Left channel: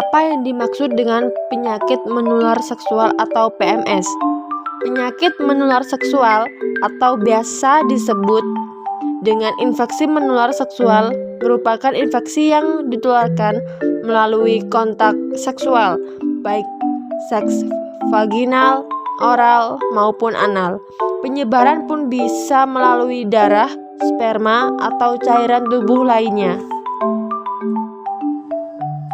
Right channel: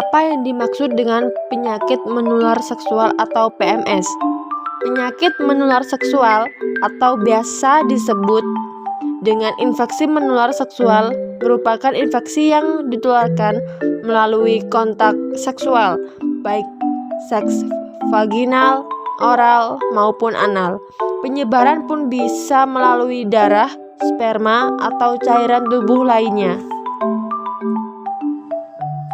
Apa yang dimaksud dengan penyakit menular seksual atau PMS? Penyakit menular seksual atau biasa disebut dengan infeksi menular seksual merupakan infeksi yang ditularkan melalui kontak seksual, baik seks vaginal, oral, maupun anal. Penyebaran pun bisa melalui darah, sperma, atau cairan tubuh lainnya.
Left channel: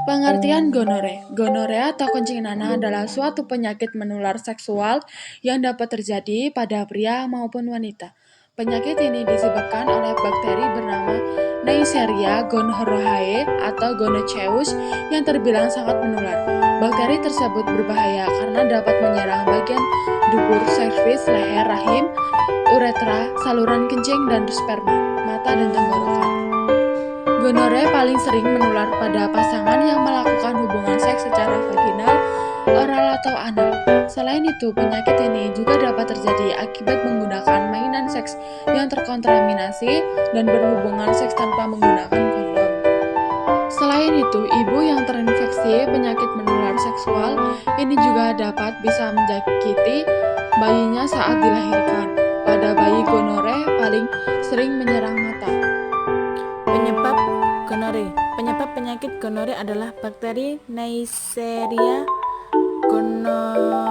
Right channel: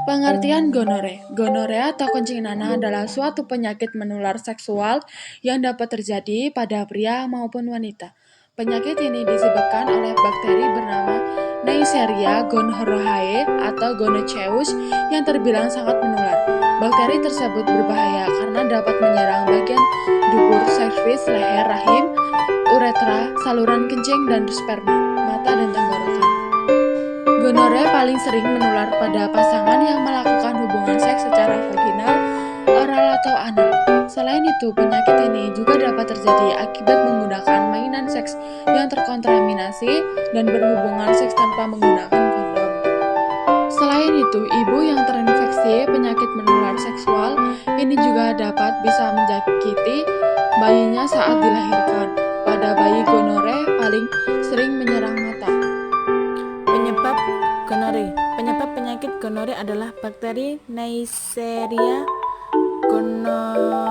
Pengertian gonore. Gonorea atau kencing nanah adalah suatu penyakit menular seksual yang dapat terjadi pada pria maupun wanita. Penyakit ini disebabkan oleh bakteri bernama Neisseria gonorrhoeae atau gonococcus yang terbilang sangat menular. Bakteri tersebut berbahaya karena dapat menyerang bagian dubur, serviks, leher, rahim, uretra, saluran kencing dan sperma, mata dan tenggorokan. Gonore paling sering menular pada pasangan yang melakukan hubungan seks secara vaginal, oral, atau anal. Selain itu, penyakit ini juga dapat terjadi akibat menggunakan mainan seks yang terkontaminasi dan berhubungan seks tanpa menggunakan kondom. Selain itu, ibu yang terinfeksi penyakit menular seksual ini juga bisa menjangkiti bayinya saat dilahirkan. Pada bayi, gonore paling sering menyerang mata. Penyebab gonore. Penyebab penyakit gonore adalah bakteri Neisseria gonorrhoeae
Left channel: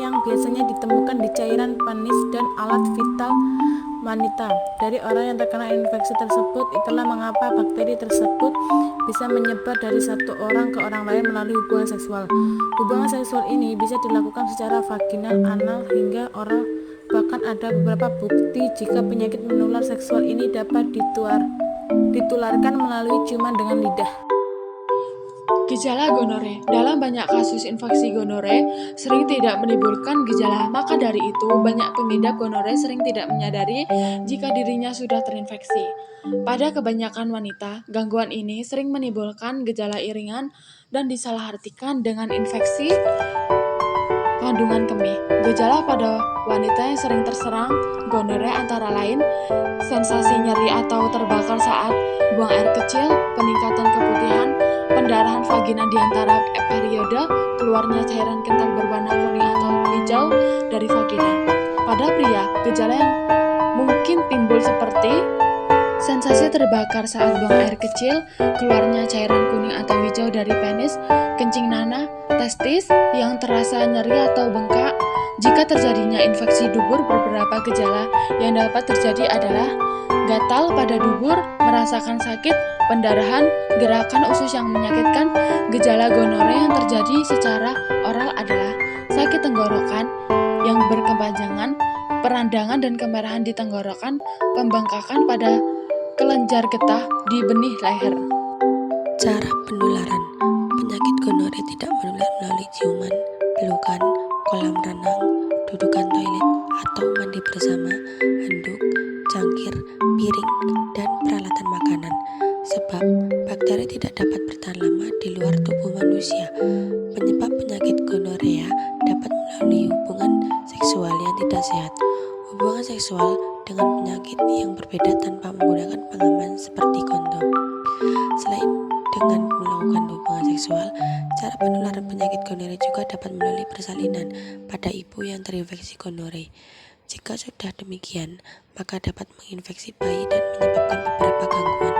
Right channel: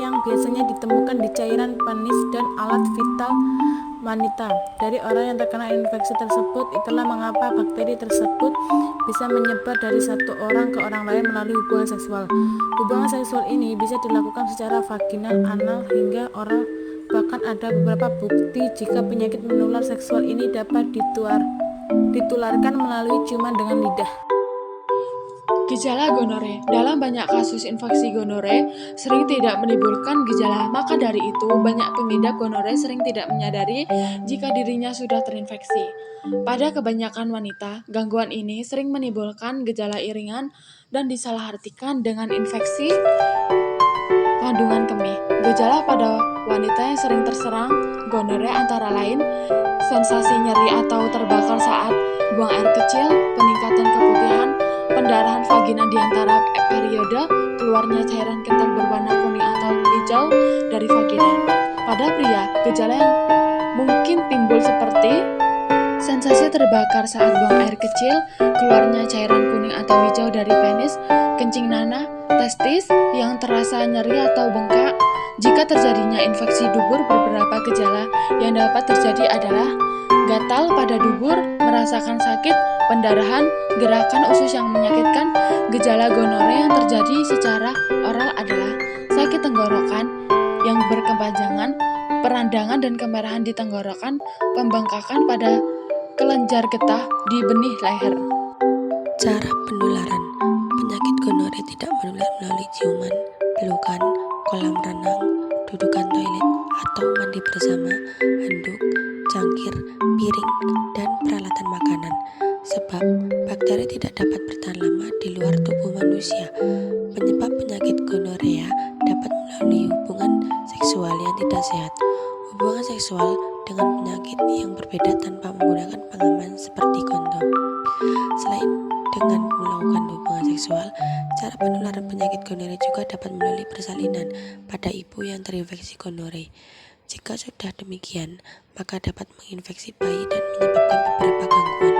yang biasanya ditemukan di cairan penis dan alat vital wanita. Dari orang yang terkena infeksi tersebut, itulah mengapa bakteri tersebut bisa menyebar dari satu orang ke orang lain melalui hubungan seksual. Hubungan seksual ini bisa dilakukan secara vaginal, anal, hingga oral. Bahkan ada beberapa bukti jika penyakit menular seksual ini dapat ditularkan melalui ciuman dengan lidah. Gejala gonore. Dalam banyak kasus infeksi gonore sering tidak menimbulkan gejala, maka dari itu banyak pengidap gonore sering tidak menyadari jika dirinya sudah terinfeksi. Pada kebanyakan wanita, gangguan ini sering menimbulkan gejala ringan dan disalahartikan dengan infeksi kandungan kemih. Gejala pada wanita yang sering terserang gonore antara lain sensasi nyeri atau terbakar saat buang air kecil, peningkatan keputihan, pendarahan vagina di antara periode, keluarnya cairan kental berwarna kuning atau hijau dari vagina. Pada pria, gejala yang mungkin timbul seperti sensasi terbakar saat buang air kecil, keluarnya cairan kuning atau hijau dari penis, kencing nanah, testis yang terasa nyeri atau bengkak. Jika terjadinya infeksi dubur, beberapa gejala yang dapat terjadi adalah gatal pada dubur, merasakan sakit, pendarahan, gerakan usus yang menyakitkan. Gejala gonore yang terjadi secara oral adalah sakit tenggorokan yang berkepanjangan, perandangan dan kemerahan di tenggorokan, pembengkakan pada kelenjar getah di benih leher. Cara penularan. Penyakit gonore tidak menular melalui ciuman, pelukan, kolam renang, dudukan toilet, atau mandi bersama, handuk, cangkir, piring, dan peralatan makanan. Sebab bakteri tidak dapat bertahan lama di luar tubuh manusia. Penyebab penyakit gonorea dapat melalui hubungan seksual yang tidak sehat. Hubungan seksual dengan penyakit yang berbeda tanpa menggunakan pengaman seperti kondom. Selain dengan melakukan hubungan seksual, cara penularan penyakit gonore juga dapat melalui persalinan pada ibu yang terinfeksi gonore. Jika sudah demikian, maka dapat menginfeksi bayi dan menyebabkan beberapa gangguan.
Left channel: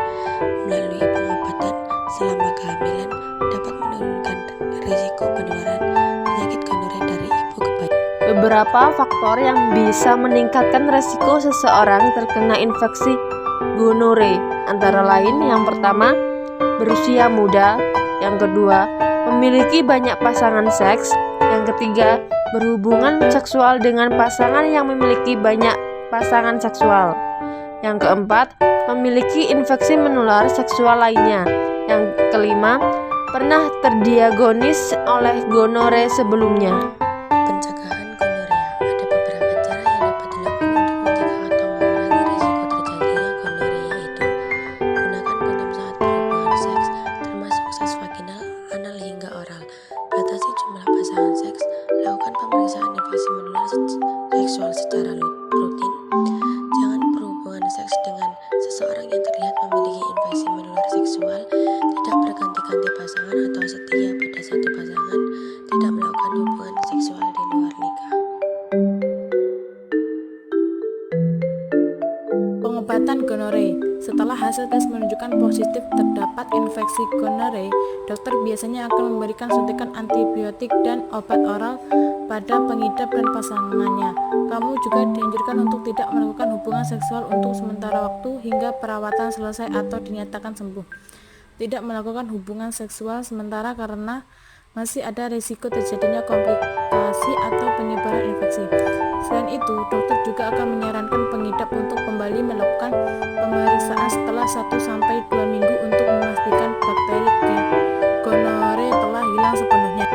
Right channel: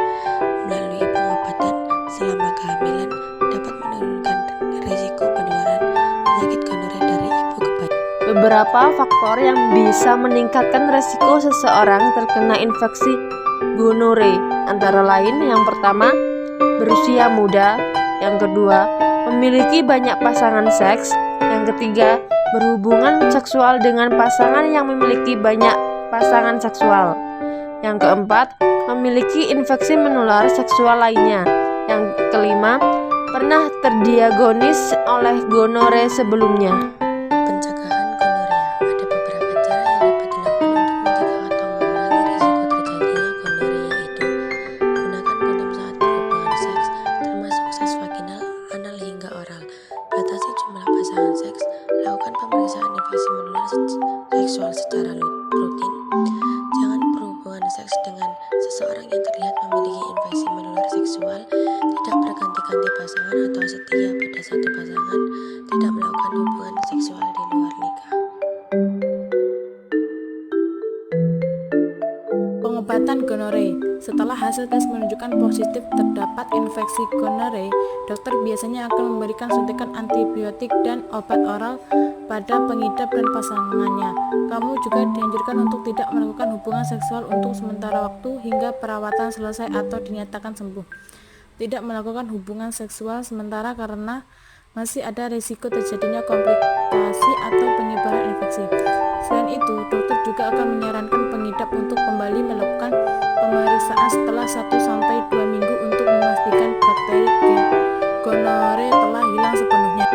Melalui pengobatan selama kehamilan dapat menurunkan risiko penularan penyakit gonore dari ibu ke bayi. Beberapa faktor yang bisa meningkatkan resiko seseorang terkena infeksi gonore antara lain yang pertama, berusia muda, yang kedua, memiliki banyak pasangan seks, yang ketiga, berhubungan seksual dengan pasangan yang memiliki banyak pasangan seksual, yang keempat, memiliki infeksi menular seksual lainnya, yang kelima, pernah terdiagnosis oleh gonore sebelumnya. Pencegahan gonorea. Ada beberapa cara yang dapat dilakukan untuk mencegah atau mengurangi risiko terjadinya gonorea, yaitu gunakan kondom saat berhubungan seks, termasuk seks vaginal, anal hingga oral. Batasi jumlah pasangan seks. Lakukan pemeriksaan infeksi menular seksual secara rutin. Jangan berhubungan seks dengan seseorang yang terlihat memiliki infeksi menular seksual. Tidak berganti-ganti pasangan atau jika pada satu pasangan tidak melakukan hubungan seksual di luar nikah. Pengobatan gonore. Setelah hasil tes menunjukkan positif terdapat infeksi gonore, dokter biasanya akan memberikan suntikan antibiotik dan obat oral pada pengidap dan pasangannya. Kamu juga dianjurkan untuk tidak melakukan hubungan seksual untuk sementara waktu hingga perawatan selesai atau dinyatakan sembuh. Tidak melakukan hubungan seksual sementara karena masih ada risiko terjadinya komplikasi atau penyebaran infeksi. Selain itu, dokter juga akan menyarankan pengidap untuk kembali melakukan pemeriksaan setelah 1-2 minggu untuk memastikan bakteri gonore telah hilang sepenuhnya.